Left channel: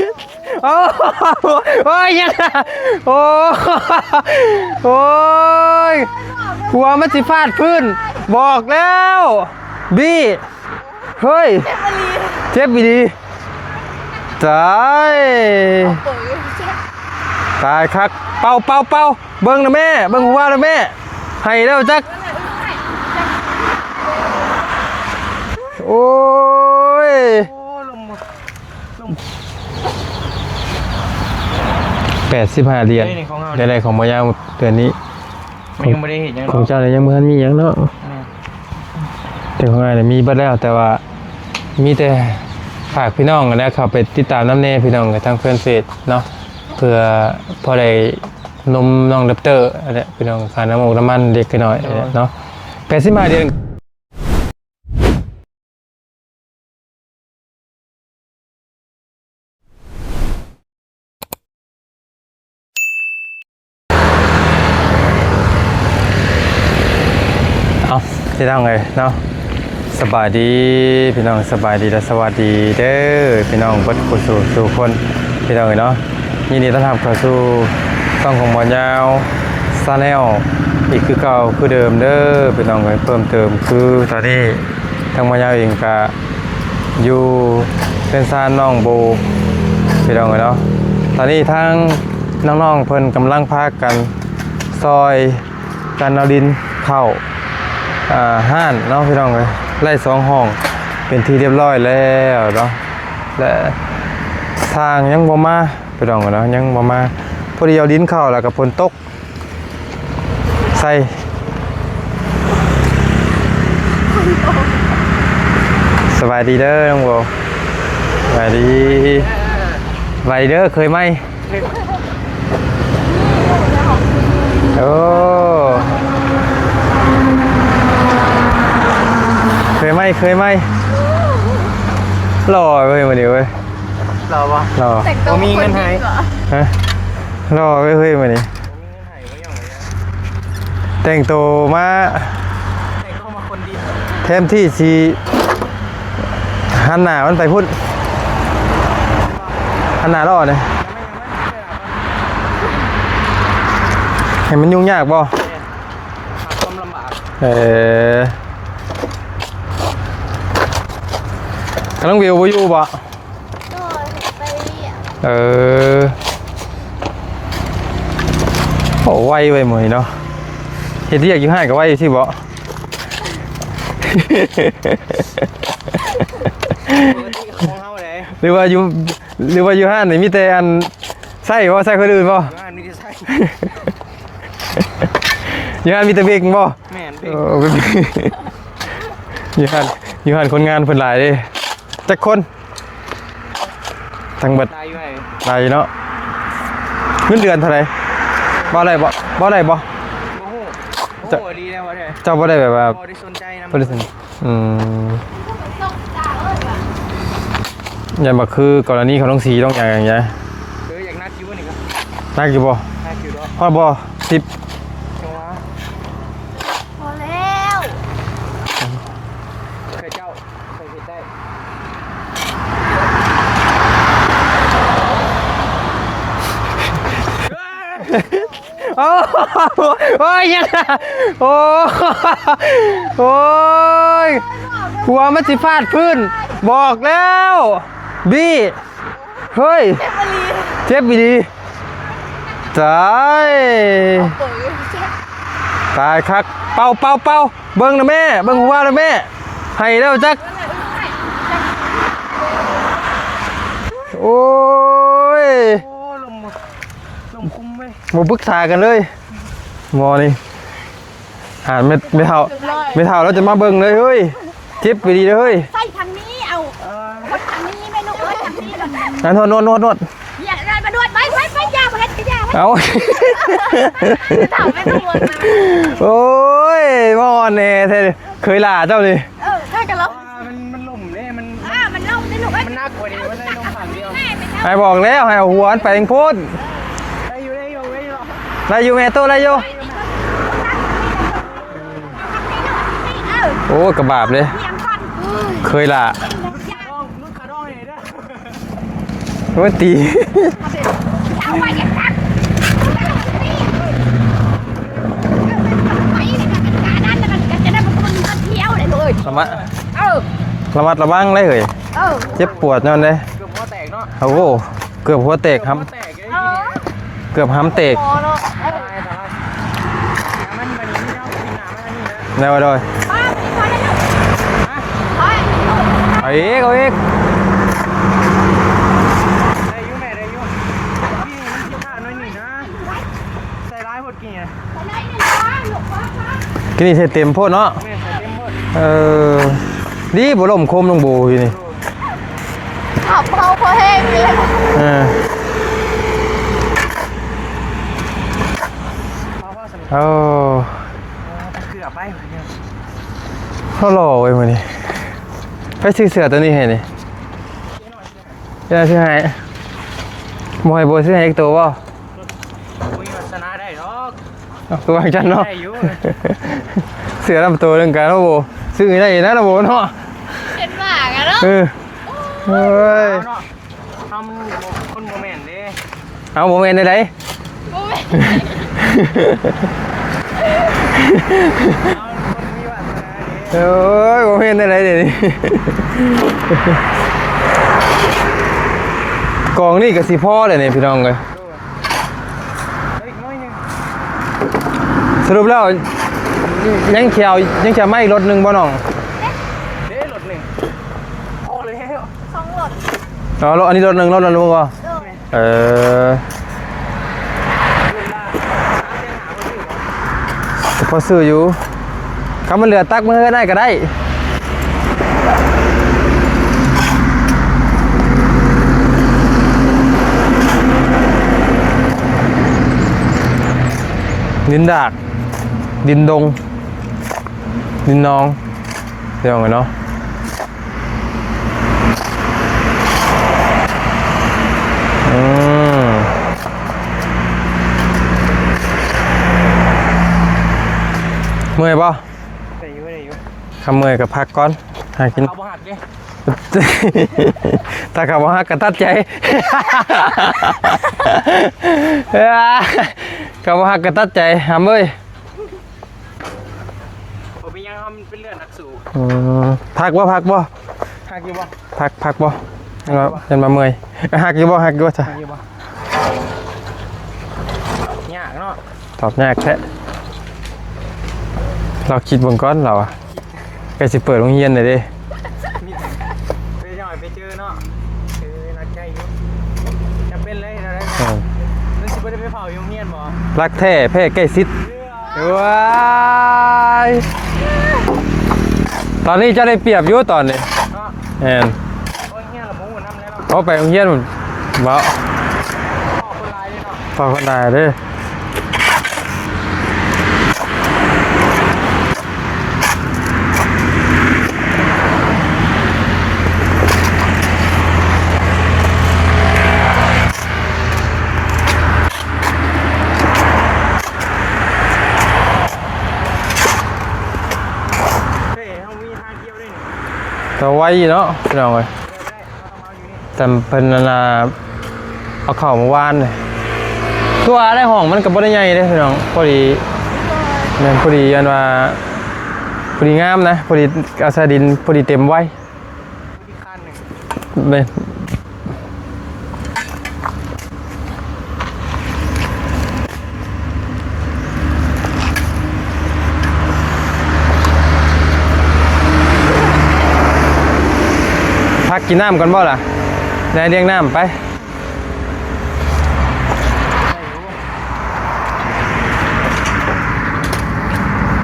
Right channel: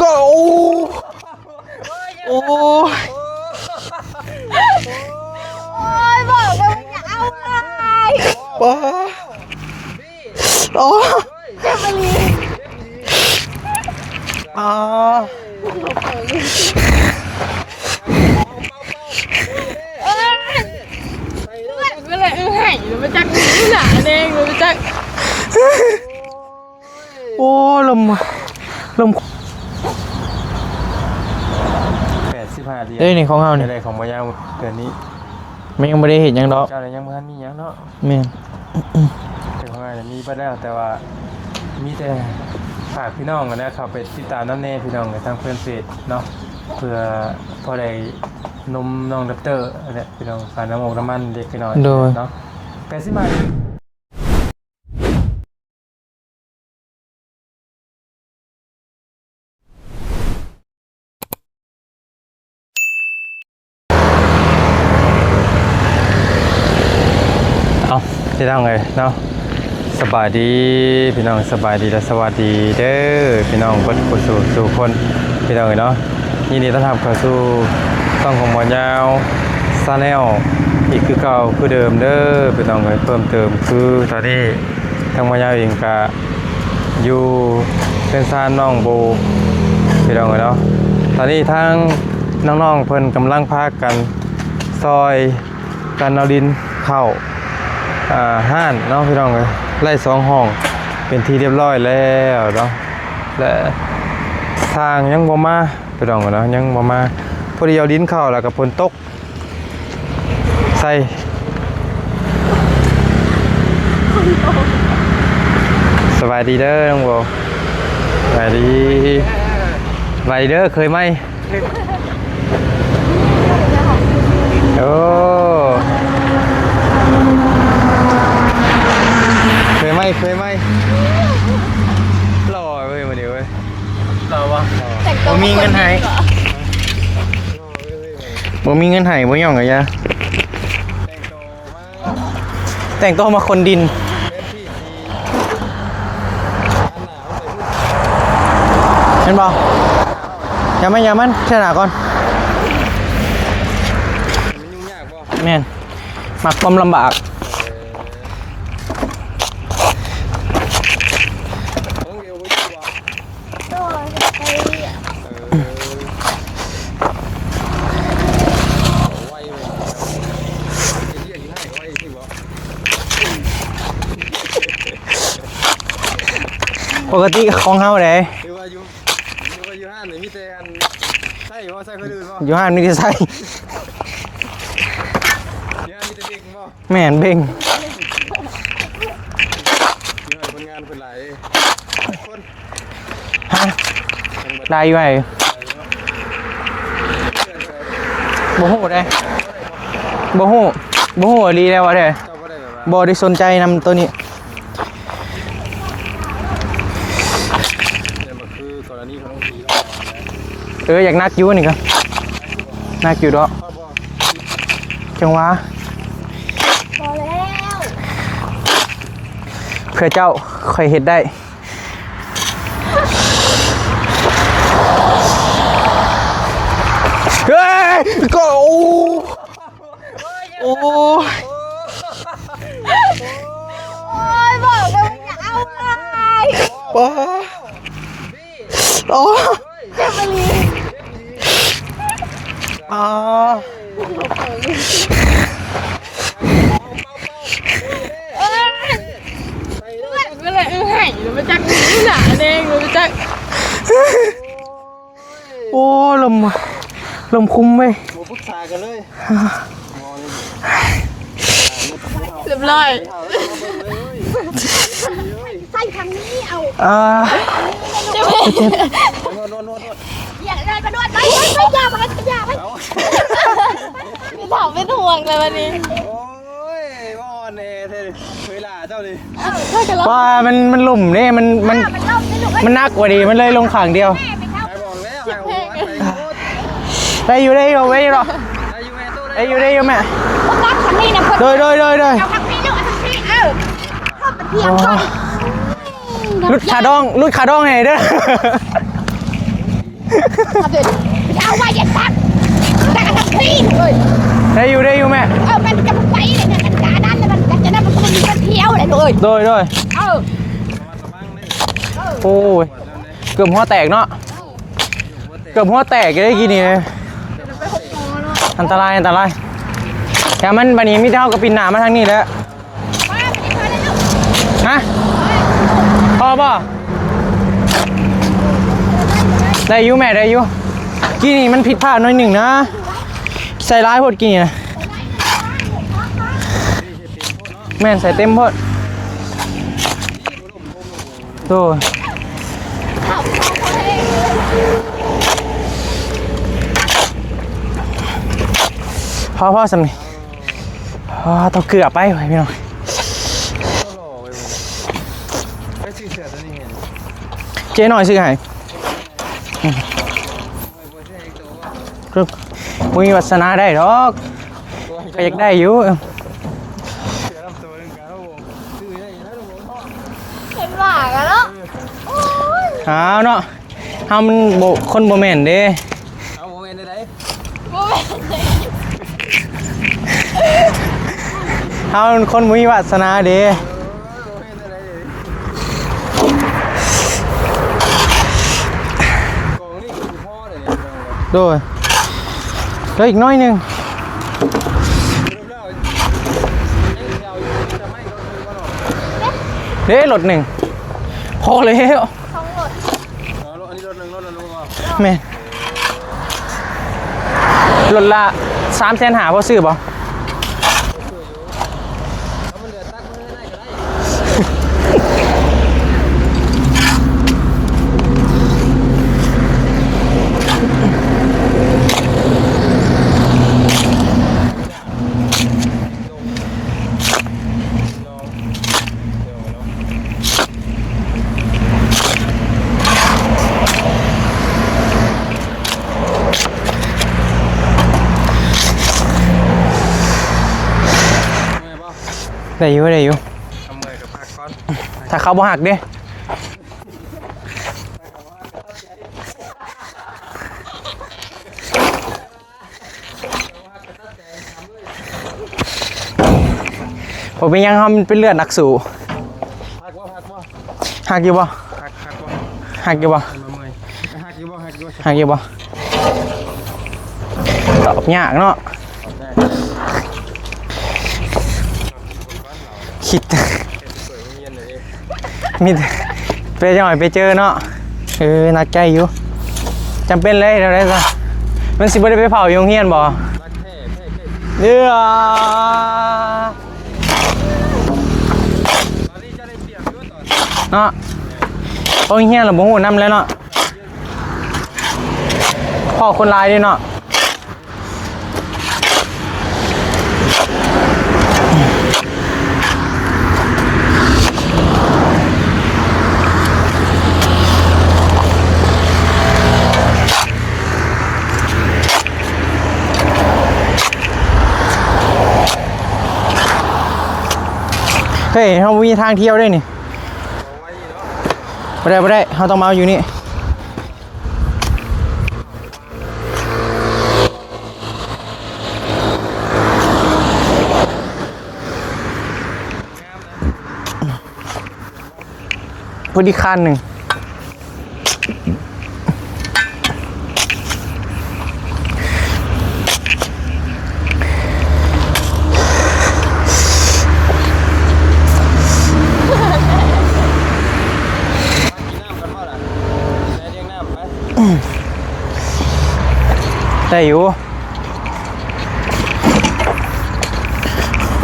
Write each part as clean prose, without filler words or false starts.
ก็โอ้ยยังโอ้ยหัวมันสิฟาดพื้นบอกแล้วบี้เฮ้ยเจ็บอีดีตายคักเป่าเบิ้งนะแม่เบิ้งหัวนะแม่ให้แล้วจักนั่นแหละให้มันจักหนาแดงมันจักโอ้ยลม85เหรียญนี่ของเฮาในของมายาวเดือนนี้มันยังไม่ได้เห็นยังเนาะเจ้าเลยยังไม่ทันมียังเนาะแม่แต่ของไงมีบัดแล้วแต่ว่ามีแต่ฝากพี่น้องนะเขาไปติดตามน้ำเน่พี่น้องกับทางเพื่อนเฟซเนาะเพื่อพอได้นมน้องดับเตอร์อะไรพี่น้องค่าน้ำมันน้ำมันเด็กกันหน่อยเนาะ85เดือนเอาพี่น้องเลยเนาะสบายดีพี่น้องสบายดีและสวัสดีเด้อพี่น้องบัดกุศลสู่คนพี่น้องเลยเนาะยินดีต้อนรับเข้าสู่ช่องของหมอยาวซาแนลอีกคือเก่าคือเดิมเด้อพี่น้องเลยเพิ่มเติมคือตอนนี้ทางหมอยาวเองก็อยู่เป็นซานน้องโบพี่น้องเลยเนาะตอนนี้ทางน้องๆเพิ่นกำลังพากันซอยกันเอาดินเข้าห้านเนาะพี่น้องเลยไล่2 ห้องเป็นที่เรียบร้อยแล้วเนาะและทางยังบ่มาพี่น้องเนาะยังบ่มาพอดีเอาดินเข้าแล้วก็ฝนตกใส่สบายดีเด้อน้องโบสบายดีเด้อเคยไหมโอ้เคยไหมหล่อเว้ยมาดิเว้ยรอปะหล่อบ่มีเงินให้ฮะหล่อเว้ยมาดิบ่มีเงินให้บ่ย่องกะยะแต่งตัวมาคนดินแทนที่สีหันหน้ามันไปพุ่นเห็นบ่หันหน้าล่อเลยอย่ามันเชื่อหน้าก่อนเห็นมันยุ่งยากบ่แม่นมักความลำบากกำลังวิวบ่อยู่บ่โอ้ไวไปหมดเนาะเห็นที่อยากอยู่ให้ก็ไวที่บ่ปกติของเฮาได้หรือว่าอยู่ห้านนี่มีแต่อันใส่บ่ใส่คนอื่นบ่อยู่ห้านนี่ก็ใส่อยู่ห้านมีแต่เบงบ่แม่นเบงอยู่ห้านคนงานเพิ่นหลายเด้แต่คนทั้งเบิดได้อยู่ไงได้เนาะเงินเดือนเท่าไหร่บ่ได้บ่ฮู้ดีแล้วว่าแท้เจ้าบ่ได้แบบว่าบ่ได้สนใจนำตัวนี้อย่ามาคือกรณีของน้องสีต้องอย่างเงี้ยอยากนักอยู่นี่ครับนักอยู่บ่นักอยู่ดอกพอบ่10จังหวะพอแล้ว เพื่อเจ้าค่อยเฮ็ดได้เฮ้ยก็โอ้ยยังโอ้ยหัวมันสิฟาดพื้นบอกแล้วบี้เฮ้ยเจ็บอีดีตายคักเป่าเบิ้งนะแม่เบิ้งหัวนะแม่ให้แล้วจักนั่นแหละให้มันจักหนาแดงมันจักโอ้ยลมคุ้มไหมมาปรึกษากันเลยมอนี่ไม่เท่าแล้วจะมาเบิ่งเลยเฮ้ยเจ็บไปดีเลยเฮ้ยใส่ทางนี้เอานั่นนวดอย่าได้มานวดไปยาเอาถามเป็นห่วงเลยวันนี้โอ้ยมอนเน่เคยล่าเจ้านี่ว่ามันหลุ่มนี่มันนักกว่าดีมันเลยลงขังเดียวไอ้บอกแล้วให้เอาหัวไปโคตรได้อยู่หรอได้อยู่แม่ตู้ได้อยู่แม่โดยโอ้กระบาบเลยเคยล่ะรุดขาดองไงเด้อ ว่าตี เอาไว้อย่าตักตักตีเลย ได้อยู่แม่ มันจะไปเลยนะมันการนั้นแล้วมันจะนั่งมันเที่ยวเลยเลย โดย ระมัดระวังเลยเฮ้ย โอ้ เจ็บปวดนั่นเลย เกือบหัวแตกเนาะ โอ้โหเกือบหัวแตก เกือบหัวแตกได้กี่นี่ เกือบห้ำแตก อันตรายแต่มันบันนี้ไม่เท่ากับปีนหนามาทางนี้แล้ว ได้ว่าด้วย ฮะ เอาอีกเอาอีก ได้อยู่แม่ได้อยู่กี่นี่มันผิดพลาดหน่อยหนึ่งนะใส่ร้ายโพดกี่นี่นะ ที่นี่ใส่เต็มโพดเนาะ แม่นใส่เต็มโพด ดีบ่ลมคมลงโบอยู่นี่ โธ่ เขาแห้งเลย พ่อสำเนียงต้องเกือบไปพี่น้อง เขาหล่อไว้มื้อนี้ไปซื้อเสื้อตัวนี้ให้นี่ เจ๊หน่อยซื้อให้ จะซื้อให้บ่ให้บ่ซื้อให้อีกตัวบ่ คือมุ้ยวัฒนาได้หรอก ตัวจัง ยัง เนาะ ได้อยู่ เสื้อลำตัวเรื่องการเนาะบ่ซื้อให้ได้นะบ่เนาะ เป็นหมากันเนาะ เอาเนาะเอามันโบคนโบแมนเด้ เอาบ่แม่นได้ เอาคนมุ้ยวัฒนาเด้ โอ้ยบ่แม่นได้เดี๋ยวนี้กองนี่ก็สิพอเลยนี่พี่น้องเอ้ย โดยแล้วอีกน้อยหนึ่ง สรุปแล้วยังเขียวยังจะไม่รถหนึ่งบ่น้อง เด้รถหนึ่งพอแล้ว ต้องหลด อ๋อรถอันนี้รถหนึ่งบ่ แม่นรถละ300,000หาพอซื้อบ่ พอซื้ออยู่คำมันเหลือตักมือได้ก็ได้ดินดากดินดงดินนองเดี๋ยวไงเนาะเมื่อยป่ะ ได้อยู่ คำเมื่อยกับพักก่อนห ถ้าเขาบ่หักเด้ ถ้าเขาบ่ฮักก็ตัดใจเขาบ่ฮักก็ตัดใจหำเอ้ย ผมเป็นยังทำเป็นเลือดนักสู่ พักบ่ หักอยู่บ่ พักบ่ ฮักอยู่บ่ จนมาเมื่อยฮักอยู่บ่ หักอยู่บ่ตอบยากเนาะ ตอบยากแท้เราคิดเบิ่งก่อนเราอะ คิด ไปสิเปิดโรงเรียนหน่อยดิ มีไปจังหน่อยไปเจอเนาะนักใจอยู่จำเป็นเลยเดี๋ยวได้ก่อนมันสิบ่ได้ไปเผาโรงเรียนบ่ รักแท้แพ้ใกล้ชิดตอนนี้จะได้เปรียบอยู่ตอนนี้ เนาะ แม่น โรงเรียนเราบ่ฮู้นำแล้วเนาะ เอาไปโรงเรียนบ่ พ่อคนลายด้วยเนาะ พอคนได้เด้อเฮ้ยเฮามีทางเที่ยวด้วยนี่ แต่ไว้เนาะพี่น้องเอ้ย บ่ได้เฮาต้องมาอยู่นี่ แต่เพิ่นนั่นน่ะเอาเข้าเมื่อวานเลยตัวได้ห้องมันก็บ่ได้ใหญ่เด้พี่น้องพอดีเนี่ยพอดีอันว่าพอดีงามนะพอดีอาซาดินพอดีเต็มไว้ พอดีคันหนึง เลยพักกินน้ำก่อนบ่ล่ะได้เลี้ยงน้ำไป ได้อยู่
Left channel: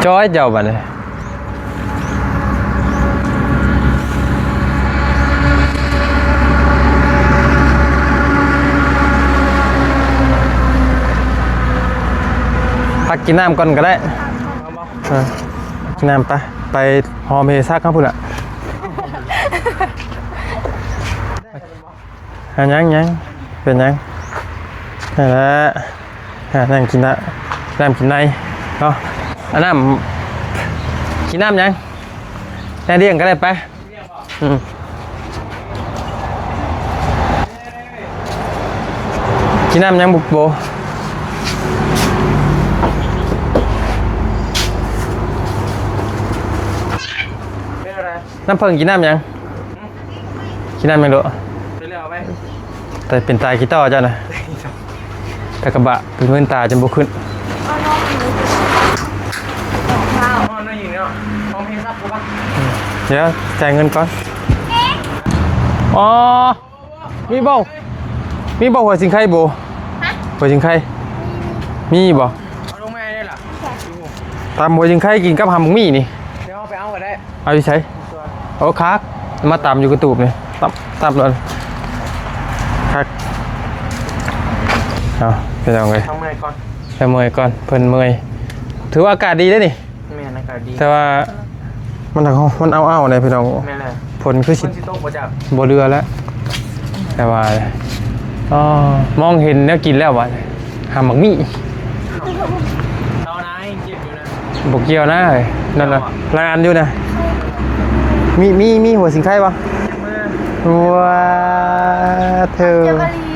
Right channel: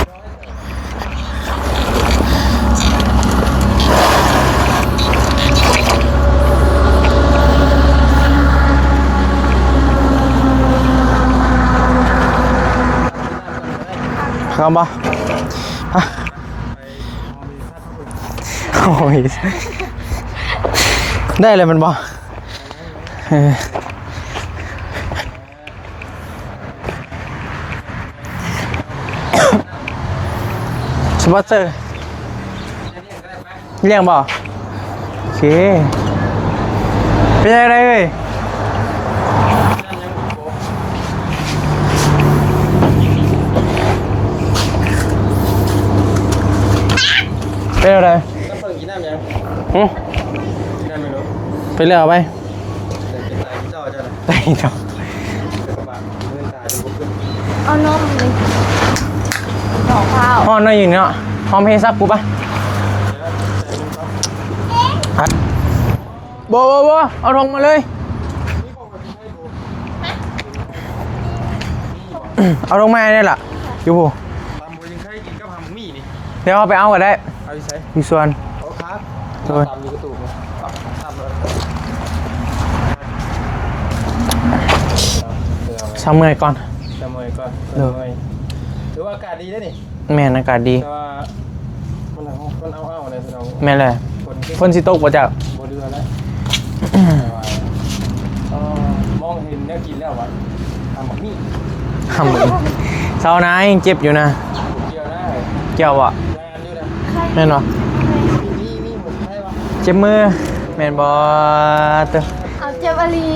จอยเจ้าบัดเลยพักกินน้ำก่อนก็ได้ เข้าบ่ น้ำไปหอมเฮซักครับพุ่นอ่ะ โอ้ยได้เลยมันบ่ ยังเป็นยังแล้วนั่งกินละน้ำกินในเนาะน้ำกินน้ำยังแน่เรียงก็ได้ไป เลี้ยงบ่โอเคเป็นยังไงเว้ย กินน้ำยังบุกโบเป็นอะไรน้ำเพิ่งกินน้ำยังกินน้ำยังดู ไปเลือกเอาไป แต่เป็นตายกีต้าจ้ะนะ ไปจ้ะ แต่กระบะเป็นเงินตาจนบุกขึ้น เอานมต่อข้าว ห้องนั่นอยู่เนาะห้องให้ซับกูปะ เดี๋ยวจ่ายเงินก่อน อ๋อโบเอาลงมาเลย มีบอกหัวสิงไข่โบหัวสิงไข่มีบอก เอาลงมาได้ล่ะอยู่ ตามหัวสิงไข่กินกับหำมี่นี่ เดี๋ยวเอาไปเอาก็ได้ เอาไปใช้ อยู่ส่วน โอ้คักมาตามอยู่กระตูบนี่ตับเลยคักเอาไปเอาไง ทำเมื่อยก่อน ไปเมื่อยก่อนเพิ่นเมื่อยถือว่าอากาศดีได้นี่ แม่นอากาศดี แต่ว่ามันเอาเนี่ยพี่น้อง แม่นเลย ผลคือ ฝนสิตกมาจาก บ่เรือแล้ว แต่ว่าอ๋อมองเห็นแล้วกินแล้ววะหำหมักมี่ ทำเหมือนเช้านะยังเจ็บอยู่นะ บกเกี่ยวนะ เกี่ยวอะ งานอยู่นะ แม่นวะ มีหัวสิงไข่ปะ เจ็บมือแม่นว่า เธอ เจอมาลี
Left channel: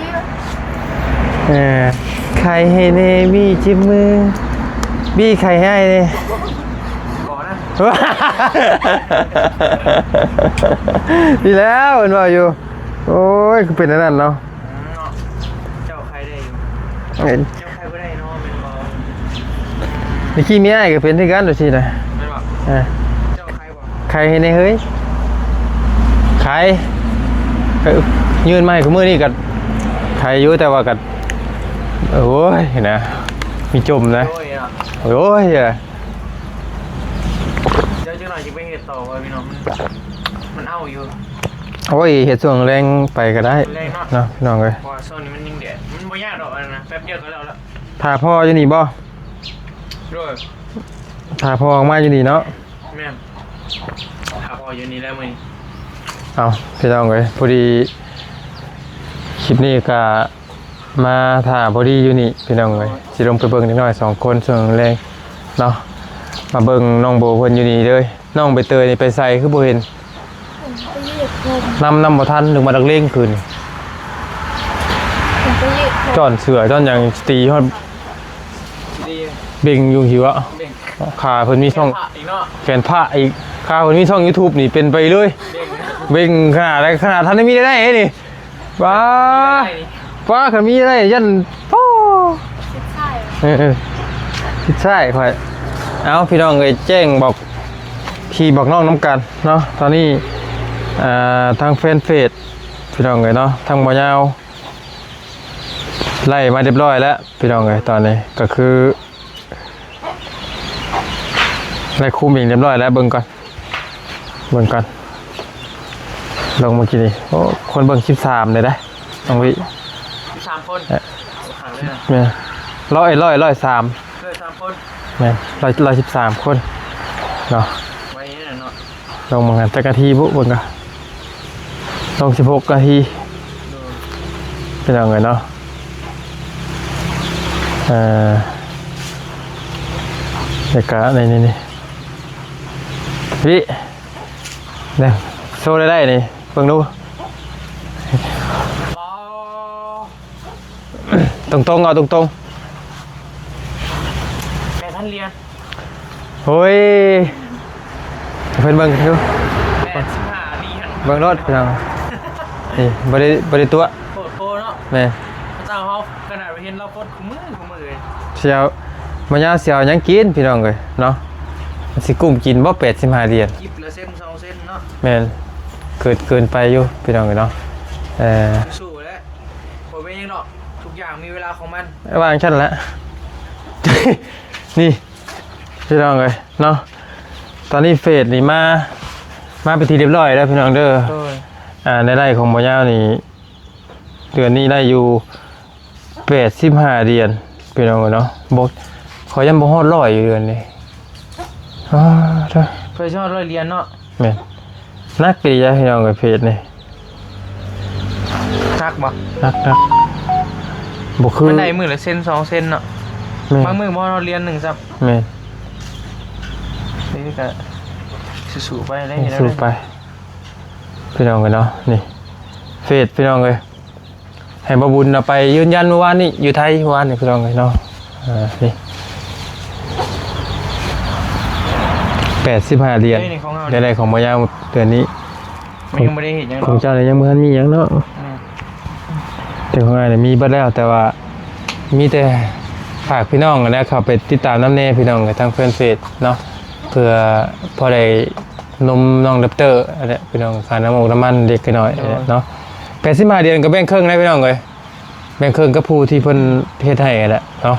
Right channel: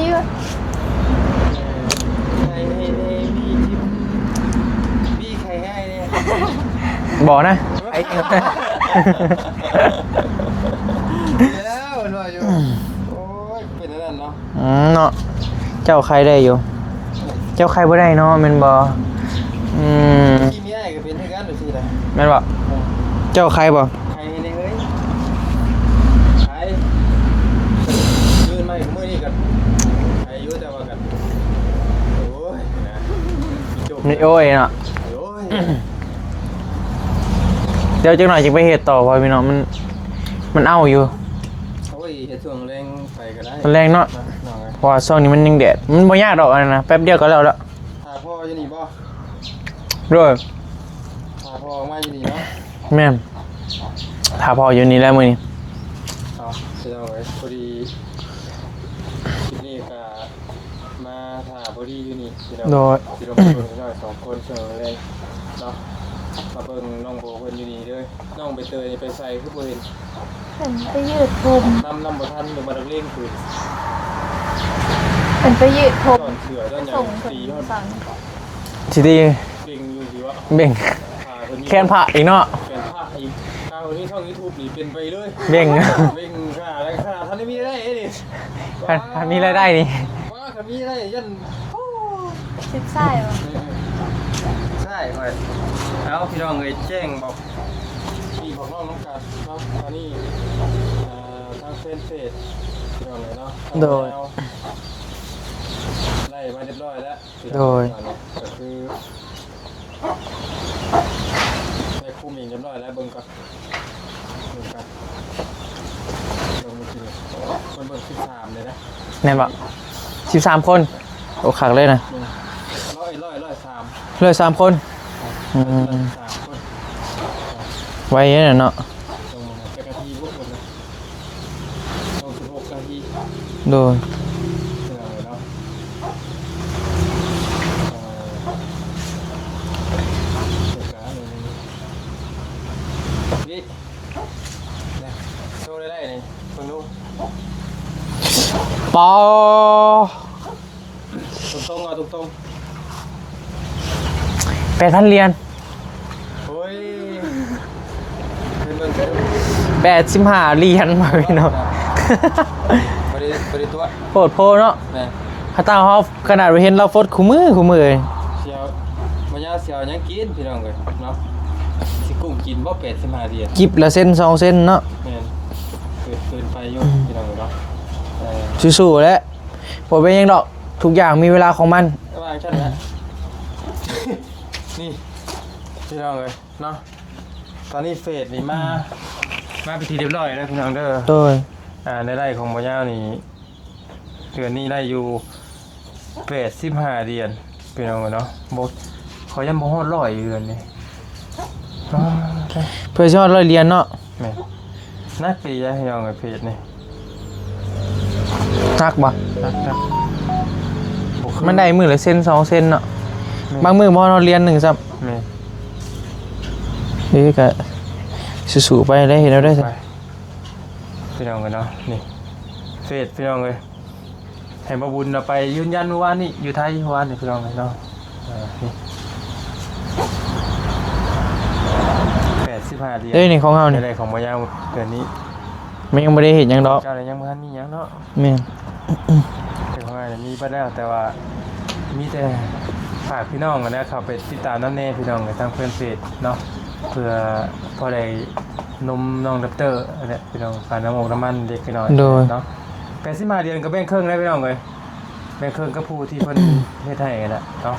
ไข่ให้เนบี้จิ้มมือบี้ไข่ให้เลย บอกนะ ดีแล้วเห็นว่าอยู่โอ้ยคือเป็นนั่นเนาะ เนาะเจ้าใครได้อยู่เจ้าใครบ่ได้เนาะแม่นบ่เมื่อกี้มีอะไรก็เป็นที่กันตัวทีนะ แม่นบ่เจ้าใครบ่ ไข่ให้ในเฮ้ยไข่ยืนมาให้กูมือนี่กัดไข่อยู่แต่ว่ากัดโอ้ยนะมีจมนะ โอ้ยเนาะ โอ้ย เดี๋ยวจังหน่อยจะไปเฮ็ดต่อว่าพี่น้องมันเอาอยู่ โอ้ยเห็ดส่วนแรงไปก็ได้ มันแรงเนาะ เนาะน้องเลย เพราะว่าช่วงนี้มันยังแดดมันบ่ยากดอกอันนั้นนะแป๊บเดียวก็แล้วละ ถ้าพ่ออยู่นี่บ่ ด้วย ถ้าพ่อออกมาอยู่นี่เนาะ แม่นถ้าพออยู่นี่แล้วมื้อนี้ เอาพี่น้องเลยพอดีคลิปนี้ก็มาถ่าพอดีอยู่นี่พี่น้องเลยสิลงไปเบิ่งนิดหน่อย2คนส่วนแรงเนาะมาเบิ่งน้องโบเพิ่นอยู่นี่เลยน้องใบเตยนี่ไปใส่คือบ่เห็น ผมไปยืดคืน นำบ่ทันถึงมาดักเล่งคืน ผมไปยืดผม จอนเสือจอนหยังตีฮอด สิดี เบ่งอยู่หิวอะ เบ่ง ขาเพิ่นมี แค่ ช่อง พระอีกเนาะ แขนพระอีกขาเพิ่นมีช่อง YouTube นี่เป็นไปเลย เบ่ง เบ่งขนาดอะไรขนาดท่านได้มีได้นี่ว้า มีรายได้นี่ ว้าเขามีได้ยันโอ้ ติดไส้เหรอ ใช่ค่อยเอาพี่น้องเลยแจ้งบอกที่บอกน้องน้ำกันเนาะตอนนี้ทางแฟนเพจพี่น้องเลยเนาะทางบ่ยาวไล่มาเรียบร้อยแล้วพี่น้องเลยตอนนี้ก็คือไล่คุมอีกเรียบร้อยแล้วเบิ่งก่อนลงเมื่อกี้นี่โอ้คนเบิ่ง13เลยได้ แม่นบ่13 คนโอ้คักเลยนะ เนี่ยร้อย3 เลย3 คน แม่น113 คนเนาะ ไว้เนี่ยเนาะ ลงมางานจักรทีบุเบิ่งกันลง16นาที ดู เป็นยังไงเนาะเด็กกะนี่พี่เนี่ยโซ่ได้นี่เบิ่งดู ปอ ตรงๆเอาตรง 8,000 เหรียญ ๆโอ้ยเพิ่นเบิ่งดู 85 เหรียญ เบิ่งรถเฮานะนี่บ่ได้ตัว โพดโพเนาะ แม่ ข้าเจ้าเขาขนาดเราเห็นเราฟดคู่มือเลย เสียวมันยาเสียวหยังกินพี่น้องเอ้ยเนาะสิกุ้มกินบ่85เหรียญ กิบละเส้น2 เส้นเนาะ แม่นเกินไปอยู่พี่น้องเอ้ยเนาะสู้ๆแล้วผมเป็นยังดอกทุกอย่างมีเวลาของมัน วางชั้นแล้ว นี่พี่น้องเลยเนาะตอนนี้เฟสนี่มาไปทีเรียบร้อยแล้วพี่น้องเด้อ โดย ในไร่ของบ่ยาวนี่เดือนนี้ได้อยู่85เดือนพี่น้องเนาะบ่ขอยังบ่ฮอด100อยู่เดือนนี้เพื่อชอดร้อยเหรียญเนาะ แม่นนักกะยะพี่น้องกับเฟสนี่ นักบ่ นักบ่คือ มันได้มือละเส้น2 เส้นเนาะบางมือบ่เราเรียน1ซับ แม่น นี่ก็สู้ๆไปได้เห็นแล้วได้ ไปพี่น้องกันเนาะนี่เฟสพี่น้องเลย ให้บ่บุญเอาไปยืนยันเมื่อวานนี่อยู่ไทยเมื่อวานนี่พี่น้องเนาะนี่85เหรียญ เอ้ยนี่ของเฮานี่ ในของบ่ยาวเดือนนี้ มันยังบ่ได้เห็นหยัง ข เนาะ องเจ้าเนี่ยยังบ่ทันมีหยังเนาะ แม่น แต่ของอ้ายเนี่ยมีเบิดแล้วแต่ว่ามีแต่ฝากพี่น้องนะเข้าไปติดตามน้ำแน่พี่น้องทางเฟซเนาะเพื่อพอได้นมน้องดับเตอร์อะไรพี่น้องค่าน้ำมันเด็กกันหน่อยเนาะ85เดือนก็แบ่งครึ่งนะพี่น้องเอ้ยแบ่งครึ่งกับผู้ที่เพิ่นเฮ็ดให้แหละเนาะ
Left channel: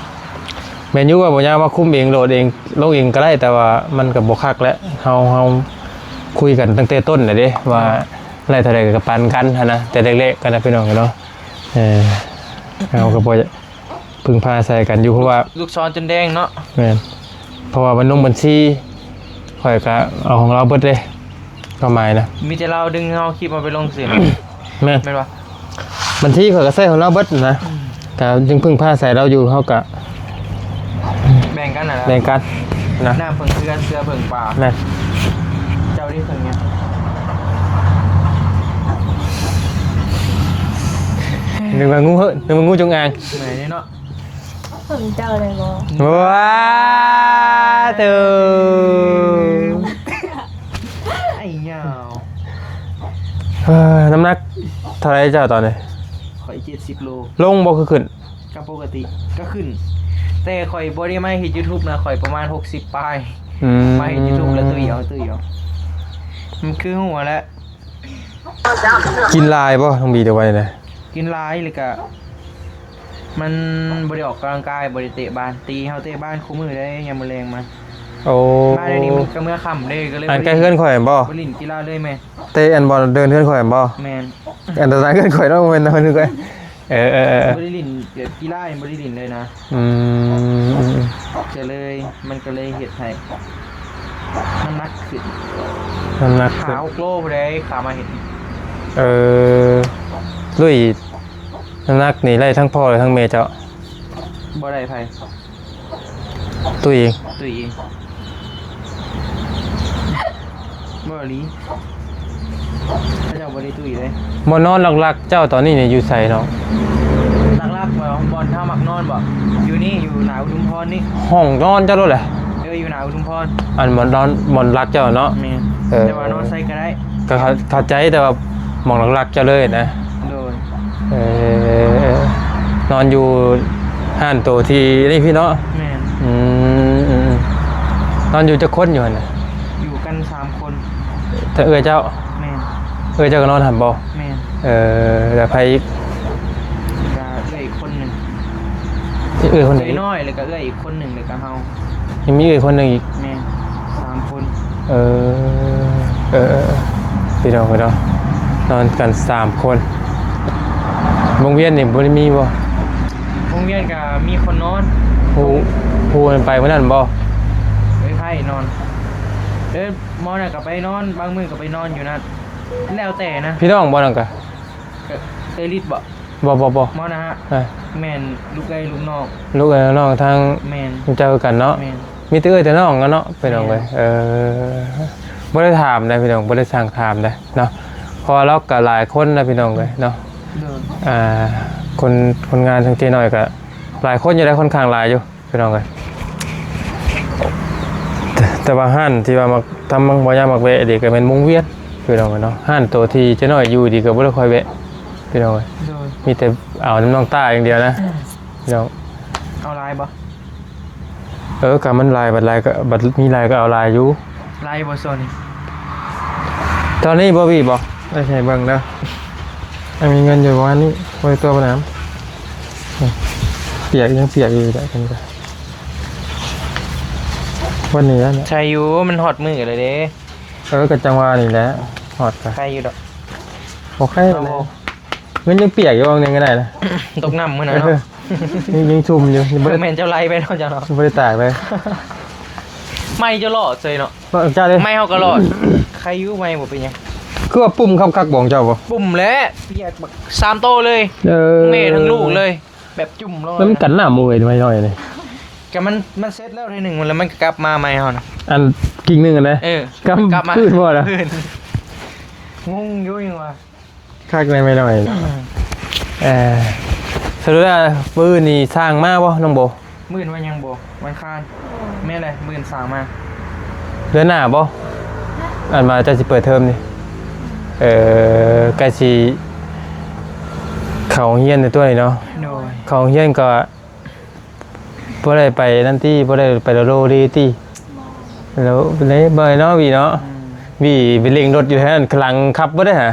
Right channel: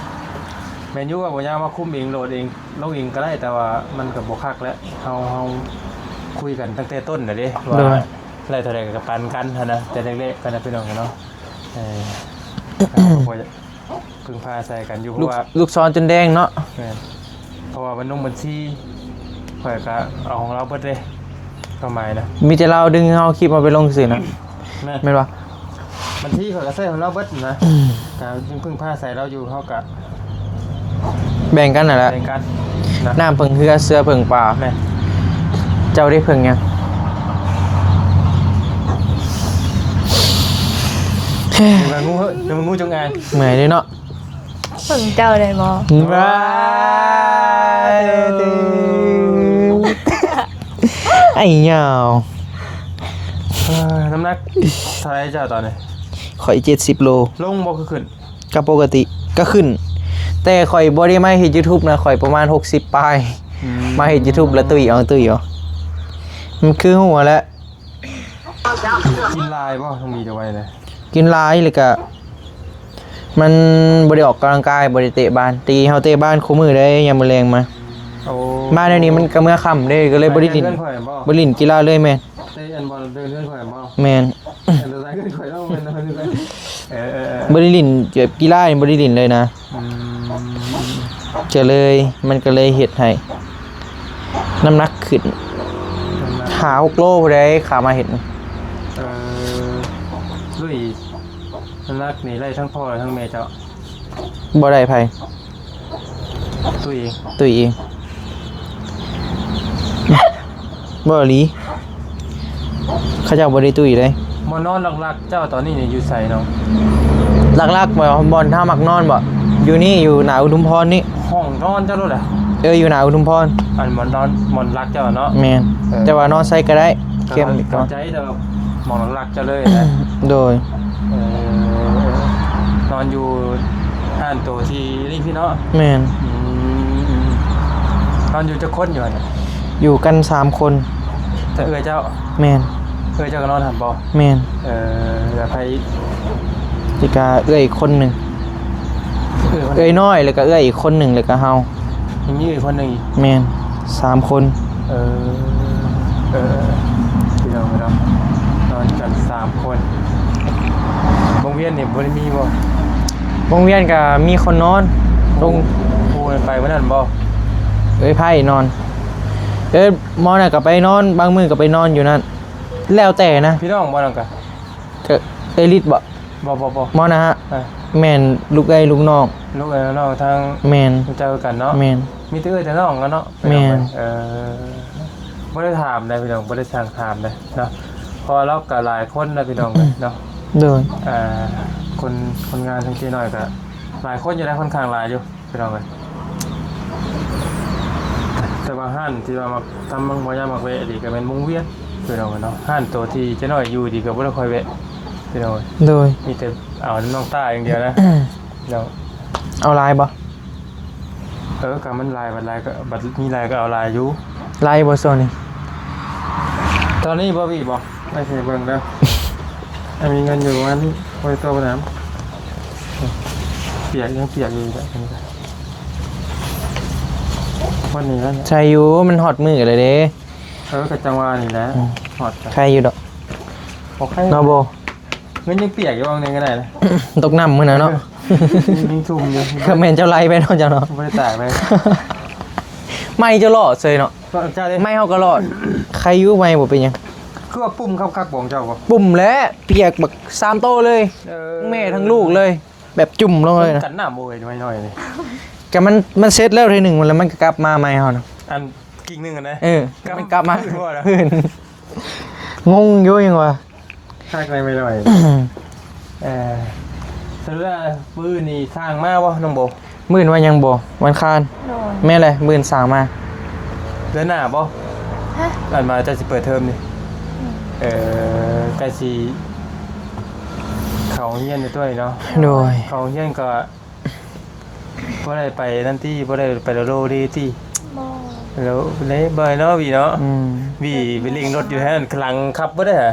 แม่นอยู่ว่าบ่ยากมาคุมเองโหลดเองลงเองก็ได้แต่ว่ามันก็บ่คักแล้วเฮาคุยกันตั้งแต่ต้นน่ะเด้ว่าอะไรเท่าใดก็ปันกันหันนะแต่เล็กๆกันนะพี่น้องเนาะเราก็บ่พึ่งพาใส่กันอยู่เพราะว่า ลูกศรจนแดงเนาะ แม่นเพราะว่ามันลงบัญชีข่อยก็เอาของเราเบิดเลยประมาณนะ มีแต่เราดึงเอาคลิปมาไปลงสื่อนะ แม่น แม่นบ่ บัญชีข่อยก็ใส่ของเราเบิดนะแต่จึงพึ่งพาใส่เราอยู่เฮาก็ แบ่งกันน่ะแหละ แบ่งกันนะ น้ำเพิ่งเสื้อเพิ่งปลา นั่น เจ้าได้เพิ่งยัง นึกว่างูเหอะนึกว่างูจงอาง เหนื่อยเลยเนาะ เพิ่งเจ้าเลยบ่ ว้าเด้อ ไอ้เหยาว น้ำหนักเท่าไหร่เจ้าตอนนี้ ข่อย70 โล ลงบ่คือขึ้น ก็ปกติก็ขึ้น แต่ข่อยบ่ได้มาเฮ็ด YouTube นะข่อยประมาณ60ปลายมาเฮ็ด YouTube แล้วตุ้ยเอามันคือหัวแล้ว กินลายบ่ต้องมีเดี๋ยวไว้นะ กินหลายเลยก็มันบ่ได้ออกกำลังกายบ่ได้เตะบ้านตีเฮาเตะบ้านคู่มือได้ยามมื้อแลงมา โอ้ มาเดี๋ยวนี้มันก็เมื่อค่ำเด้ก็เลยบ่ได้ เพื่อนข่อยบ่ บ่เล่นกีฬาเลยแม่น เตะอันบอลเดินเพื่อนข่อยบ่ แม่น อันตรายเพื่อนข่อยต้องเป็นคนนึงก็บ่ได้เล่นเกี่ยวกับกีฬานี่บ่ได้เล่นเลยนะจะเลยมันก็เลยเฮ็ดให้น้ำหนักขึ้น น้ำหนัก ขา6โลผู้ใดขามาเฮ็ด ด้วยน้ำหนักนี่ไล่ทั้งพ่อและทั้งเมย์เจ้า บ่ได้ไผ ตัวเอง ตุ้ยเองบ่อีหลีเขาเจ้าบ่ได้ตุ้ยเลย บ่นอนหลักๆเจ้าตอนนี้เนี่ยอยู่ไสเนาะ ลักๆบ่บ่อนท่ามักนอนบ่อยู่นี่อยู่หนาอุทุมพรนี่ ห้องนอนเจ้ารู้แหละ อยู่หนาอุทุมพร อันบ่นอนบ่รักเจ้าเนาะ แม่นแต่ว่านอนไสก็ได้ ก็เข้าใจแต่ว่าหมองหลักๆเจ้าเลยนะ โดย นอนอยู่ห้านโตที่นี่พี่เนาะ แม่น นอนอยู่จะคนอยู่น่ะ อยู่กัน3คน ถ้าเจ้า แม่น เจ้าก็นอนหันบ่ แม่น แล้วไผ อีกอีกคนหนึง คน น้อยแล้วก็อีกคนหนึงแล้วก็เฮา ยังมีคนนึงอีก แม่น3คน พี่น้องนอนกัน3คนโรงเรียนนี่บ่ได้มีบ่ โรงเรียนก็มีคนนอนลง ครูมันไปมื้อนั้นบ่ ไพ่นอนมอน่ะก็ไปนอนบางมื้อก็ไปนอนอยู่นั่นแล้วแต่นะ พี่น้องบ่นั่นก็ ก็ลิดบ่ บ่ มอนะฮะแม่นลูกลูกน้อง ลูกน้องทาง แม่น เจอกันเนาะ แม่น มีแต่แต่น้องกันเนาะไปน้อง แม่น บ่ได้ถามนะพี่น้องบ่ได้สั่งถามนะเนาะเพราะเราก็หลายคนนะพี่น้องเลยเนาะ โดย คนงานทั้งเจน้อยก็หลายคนอยู่ได้ค่อนข้างหลายอยู่พี่น้องเลยแต่ว่าห้านที่ว่ามาทำบ่ยามมักแวะเด็กก็เป็นมุงเวียนพี่น้องเนาะห้านตัวที่เจน้อยอยู่ดีก็บ่ได้ค่อยแวะพี่น้อง โดย มีแต่เอาน้องต้าอย่างเดียวนะพี่น้อง เอาลายบ่ กับมันลายบัดลายก็บัดมีลายก็เอาลายอยู่ ลายบ่โซนี่ ตอนนี้บ่มีบ่ได้ใช้บ้างแล้วมีเงินอยู่ว่านี่ไว้ตัวน้ำเปียกยังเปียกอยู่เลยวันนี้ ใช่อยู่มันฮอตมือเลยเด้ กับจังหวะนี่แหละหอด ใครอยู่ดอก โอเคเนาะบ่เงินยังเปียกอยู่บางนึงก็ได้นะ ตกน้ำมื้อน่ะเนาะ ยังชุ่มอยู่ เพิ่นแม่นเจ้าไล่ไปเนาะจ้ะเนาะ บ่ได้ตากไป ไม่เจ้ารอดเซยเนาะ ว่าเจ้าเลย ไม่เฮาก็รอดใครอยู่ไม่บ่เป็นหยัง คือว่าปุ่มคักๆบ่ของเจ้าบ่ ปุ่มและเปียกบัก3โตเลยทั้งแม่ทั้งลูกเลย แบบจุ่มลงเล มัน ย กันหน้ามือไว้หน่อยเลย ก็มันเซ็ตแล้วทีหนึ่งมันแล้วมันก็กลับมาใหม่เฮานะ อันกิ่งนึงกันนะ กลับมา ขึ้นบ่ล่ะ งงอยู่ยังวะ คักไปหน่อย สรุปแล้วมื้อนี้สร้างมาบ่น้องโบ มื่นว่ายังบ่วันคาน โดย แม่เลยมื่นสามมา เดือนหน้าบ่ ฮะ อ่านมาจะสิเปิดเทอมนี่ใกล้สิเข้าโรงเรียนในตัวนี้เนาะ โดย เข้าโรงเรียนก็บ่ได้ไปนั่นติบ่ได้ไปโรดีติ บ่ แล้วได้บ่เนาะวีเนาะ อืม วีไปเร่งรถอยู่แท้นั้นกำลังขับบ่ได้ฮะ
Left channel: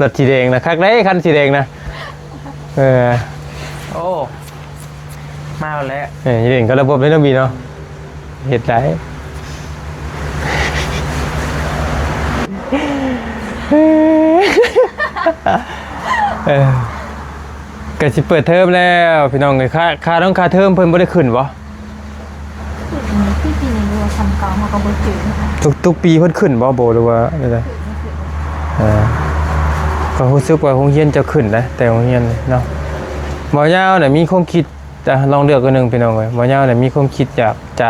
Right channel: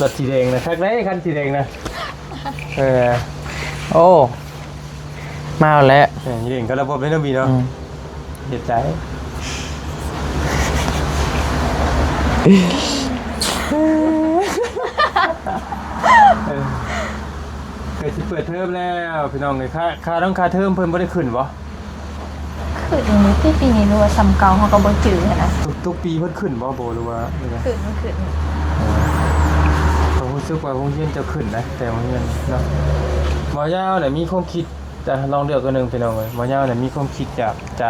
รถสีแดงนะคักได้คันสีแดงนะเออ โอ้มาแล้ว เร่งก็ระบบไม่ต้องมีเนาะเฮ็ดได้ก็สิเปิดเทอมแล้วพี่น้องเอ้ยค่าต้องค่าเทอมเพิ่นบ่ได้ขึ้นบ่ คือตรงนี้ที่ปีนี้รู้ว่าซ้ำเก่าเขาก็บ่จืดนะ ทุกปีเพิ่นขึ้นบ่โบหรือว่าอะไร คือมันคือ ก็รู้สึกว่าโรงเรียนจะขึ้นนะแต่โรงเรียนเนาะหมอยาวเนี่ยมีความคิดจะลองเลือกกันหนึ่งพี่น้องไว้หมอยาวเนี่ยมีความคิดอยากจะ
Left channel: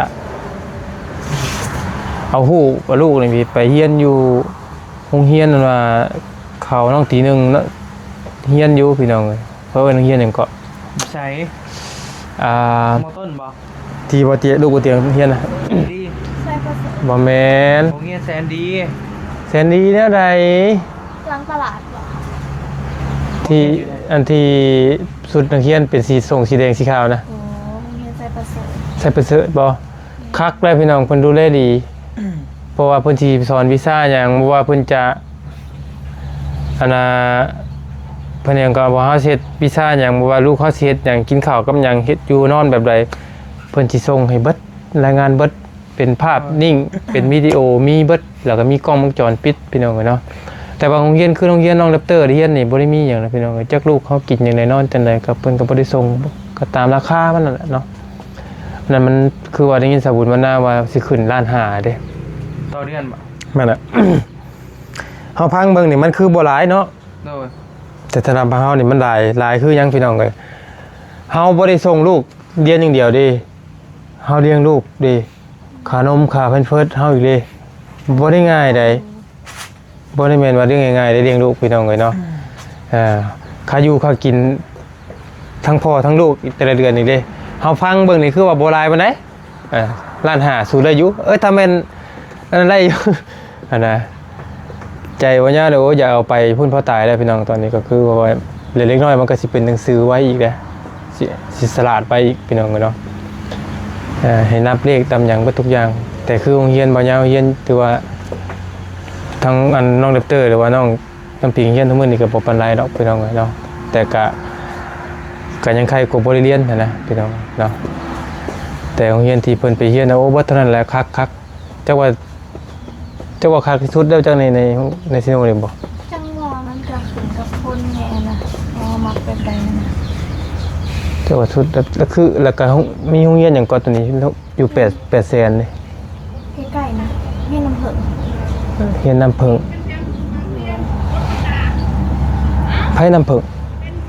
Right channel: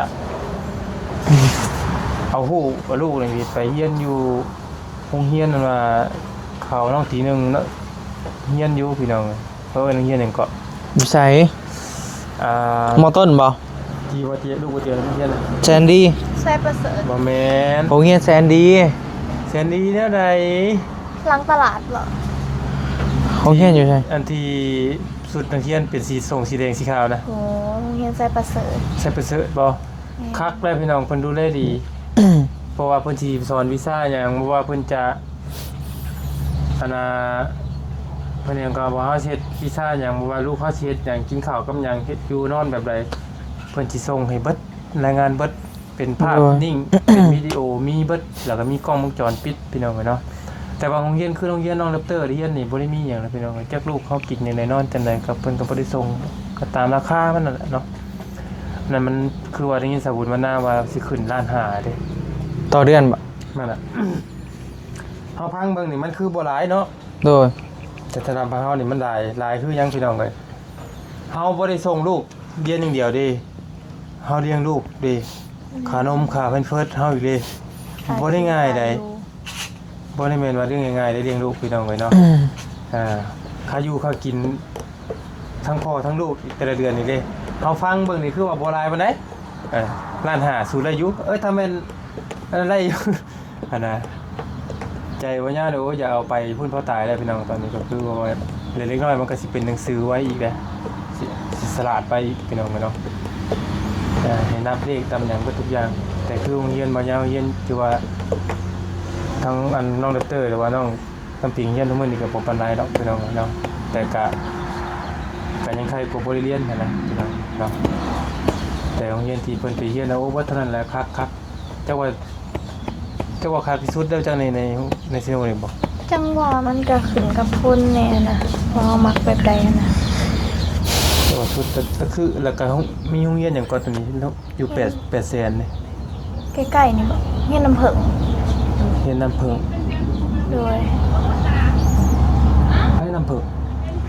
เอาลูกนี่ไปเรียนอยู่โรงเรียนนั่นว่าเขาน้องตีหนึ่งแล้วเรียนอยู่พี่น้องเลยเพราะว่าโรงเรียนหนึ่งก็ ใส่ ม มอต้นบ่ ทีบ่เตียลูกบ่เตียงเรียนนะ แซนดี้ ใส่ประเสริฐ บ่แม่น โรงเรียนแซนดี้ แสนดีแนวใด หลังตลาดเหรอ เขาเรียนอยู่ใช่ อันที่สุดนักเรียนเป็นสีส่งสีแดงสีขาวนะ โอ้โรงเรียนใส่ประเสริฐ ใส่ไปเสอะบ่คักได้พี่น้องเพิ่นดูแลดี เพราะว่าเพิ่นสิสอนวีซ่าหยังบ่ว่าเพิ่นจะอันน่ะเพิ่นยังก็บ่เฮาเฮ็ดวีซ่าหยังบ่ว่าลูกเฮาสิเฮ็ดหยังกินข้าวกับหยังเฮ็ดอยู่นอนแบบใดเพิ่นสิส่งให้เบิดรายงานเบิดเป็นภาพนิ่ง เป็นวิดีโอมีเบิดแล้วก็มีกล้องวงจรปิดพี่น้องเอ้ยเนาะแต่ว่าโรงเรียนคือโรงเรียนน้องแรปเตอร์เรียนนี่บ่ได้มีหยังนะพี่น้องเอ้ยจักลูกเขากินหยังได้นอนจังไดก็เพิ่นก็บ่ได้ส่งก็ตามราคามันนั่นแหละเนาะนั่นมันคือว่าได้ยินสาบุญมันน่าว่าสิขึ้นล้านห้าเด้ ต่อเดือนบ่ แม่นแหละ เฮาพังเบิ่งนี่มันคือบ่หลายเนาะ โดย แต่ถ้าทำเฮานี่มันหลายคือหยังพี่น้องเอ้ยเฮาบ่ได้ส่งลูกเรียนอย่างเดียวเด้เฮาเลี้ยงลูกเด้ขานมค่าแพมเพิร์สเฮาอีกเด้บ่ได้ง่ายใดบ่ได้แม่นว่าเรื่องง่ายๆได้เลี้ยงลูกพี่น้องเอ้ยเนาะค่าอยู่ค่ากินทั้งพ่อทั้งลูกแต่ละเดือนนี่เด้เฮาฟังเบิ่งนี่คือว่าบ่หลายปานใดล้านห้าสู้ได้อยู่ถ้าแม่นอันนั้นได้อยู่ อันน่ะใจว่าย่าเดี๋ยวอย่าเอาไปพุ่นพ่อตายแล้วพี่น้องตอนนี้ก็คือว่าเล็กๆน้อยมันก็สิเป็นหนังสือไว้อีกนะสิสลาดไปอีกพี่น้องเนาะให้นับเลขตามอย่างเบิดทุกอย่าง แต่คือโรงเรียนบ่ยาวเรียนถือว่าทั้งอันน้องเดปเตอร์หรือว่าน้องน้ำปิงเรียนทุกมื้อนี่ก็บ่ปานไรดอกพี่น้องเนาะแต่ก็ยังใครก็บ่ได้เรียนนะพี่น้องเนาะแต่โรงเรียนที่เพิ่นไปเรียนนะโอ้บ่เท่านั้นแหละคักจักว่าคักที่สุดแล้วจังในซิโนนี่บ่ จังหวะมันจะขึ้นกับคนแน่นะพอมักแบบใดนะ จังหวัดสุดแล้วคือแล้วก็มีโรงเรียนหยังก่อนตัวนี้อยู่8แสนนี่ ใกล้ๆนี่เฮียนน้ำผึ้ง เรียนน้ำเพิง โดย ไผน้ำเพิง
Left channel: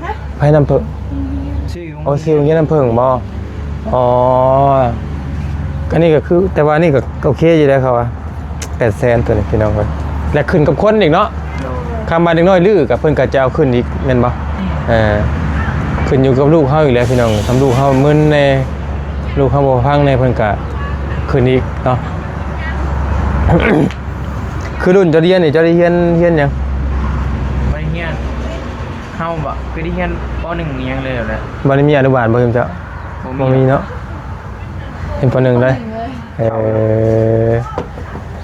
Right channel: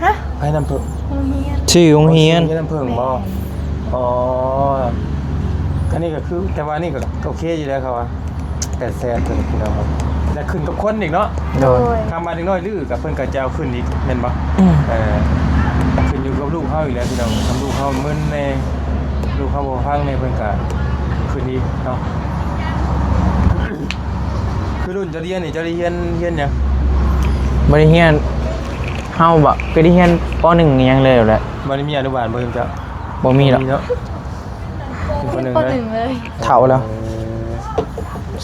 ฮะ ไผน้ำเพิง โรงเรียน ชื่อโรงเรียน เรียนน้ำเพิงบ่อ๋ออันนี้ก็คือแต่ว่านี่ก็โอเคอยู่แล้วครับว่า8แสนตัวนี้พี่น้องเอ้ยและขึ้นกับคนอีกเนาะ โดย คำมาเด็กน้อยลือกับเพิ่นก็จะเอาขึ้นอีกแม่นบ่ขึ้นอยู่กับลูกเฮาอีกแล้วพี่น้องทำลูกเฮามึนแน่ลูกเฮาบ่ฟังแน่เพิ่นก็ขึ้นอีกเนาะ คือรุ่นจะเรียนนี่จะได้เรียนหยัง บ่ได้เรียนเฮาบ่ก็ได้เรียนป .1 อิหยังเลยแหละ บ่ได้มีอนุบาลบ่เพิ่นจ้ะ บ่มีหรอก เนาะเป็นป .1 เลย เฒ่าแล้ว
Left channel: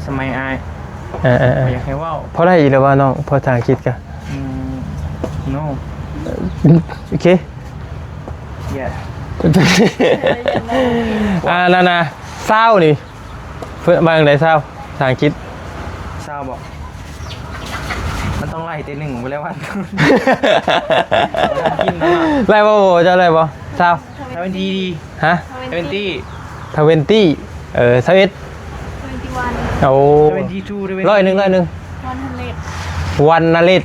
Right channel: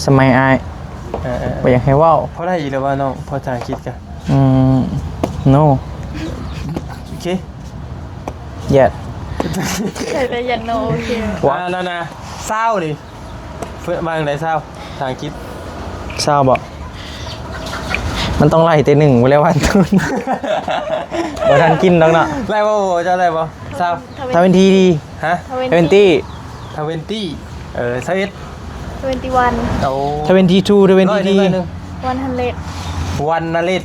สมัยอายบ่อยากให้เว้า พอได้อีกแล้วว่าน้องพอทางคิดกะ no โอเค yet เลยอย่าโน้ นั่นน่ะเศร้านี่เพิ่นมาจังได๋เศร้าทางคิด ทราบบ่มันต้องไล่แต่หนึ่งไว้แล้ววันต้น บ่ทันกินแล้วเนาะ ไล่บ่จะไล่บ่เศร้า ถ้าเป็นทีดี ฮะ 20 20 21 21 โอ้ ถ้าเป็นที2ถ้าเป็น ร้อย ที หนึ่ง 100 วันนาฬิก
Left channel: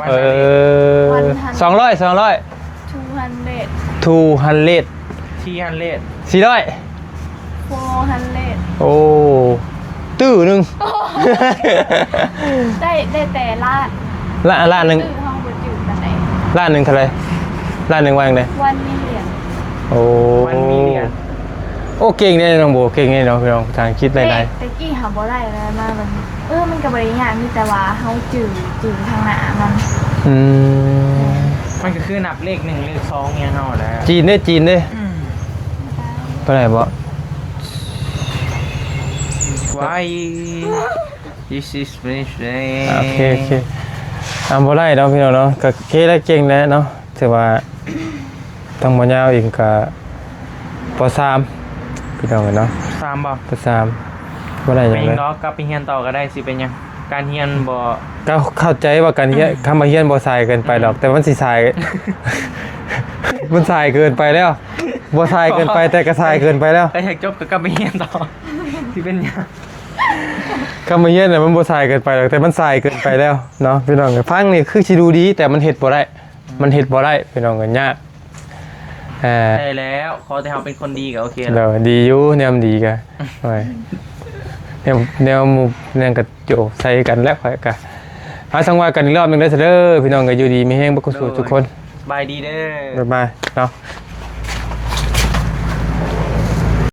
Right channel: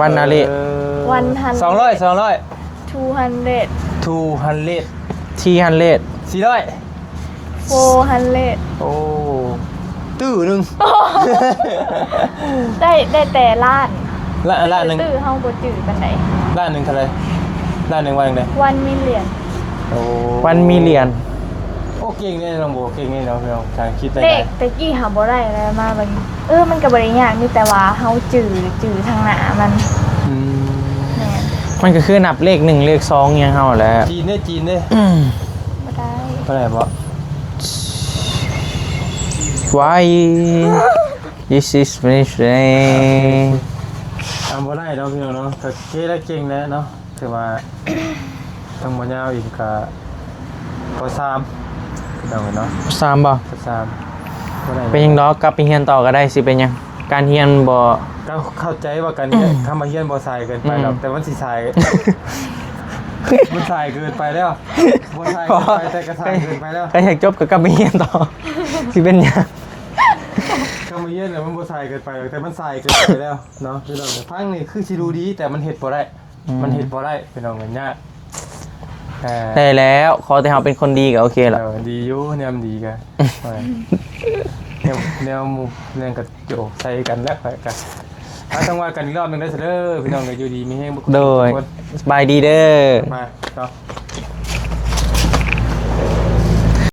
วันนาฬิก 100 200 200 200 ที่ฮันเลด 400 400 โอ้ตื้อหนึง ได้แต่ล้าน ล้านหนึง ตื้อเฮาบ่จืดปานใด ล้านหนึงเท่าไหร่ ล้านหนึ่งวันเลย วันมีเหรียญ โอ้ วันมีเหรียญ โอ้เก่งเนี่ยน้องโบเก่งเนี่ยน้องพี่น้องทางคิดได้ เตะ ไง ตะกี้หาบ่ได้แล้วมามันมันก็บ่ได้ยากมีแต่ว่าเฮาจื้อทางหน้ามัน อืม แม่น มันก็คือนับเลข1เลข2อย่างเฮาแหละ จีนเด้จีนเด้ บ่ได้ เท่าไหร่บ่ Why this is my โอเค friend ทำบ่ได้เนาะพี่น้องเนาะก็เคได้เก่งแล้วเนาะถือว่าต้องบ่ยาวอีกก็ป .3 พี่น้องเนาะ 3บ่ ป .3 บ่ได้ เป็นหยังดอกกลับไปเรียนต่อก็ได้สิเป็นหยังการเรียนบ่ ก็เข้าใจว่าการเฮียนคำว่าเฮียนบ่สายเกินไปหรอกแต่มันสิสาย มันสายเกินไปแล้วบ่สายเกินไปแต่ก็สายเกินไปแล้ว ก็อยากจบก็กลับไปเรียนต่อ สิเป็นหยัง คำว่าเฮียนน่ะมันบ่สายเกินไปหรอกแต่มันสายเกินไปแล้วเนาะพี่น้องฟังนี่คือสิดูดีแต่มันเฮ็ดบ่ได้มันเฮ็ดบ่ได้พี่น้องกันยาก ได้แล้วขอแต่เฮาเป็นคนดีก็โอเคแล้ว เราดีอยู่แนวดีกันแนวหมู่แนวกระโจใส่กันแล้วค่อยกันเอาทั้งว่ากันอีกรอบหนึงได้อเด้อพี่น้องก็อยู่ดีไม่แห้งบ่คุ โด ทุก ย คน สบายดีเด้อ บ๊ายบายเนาะ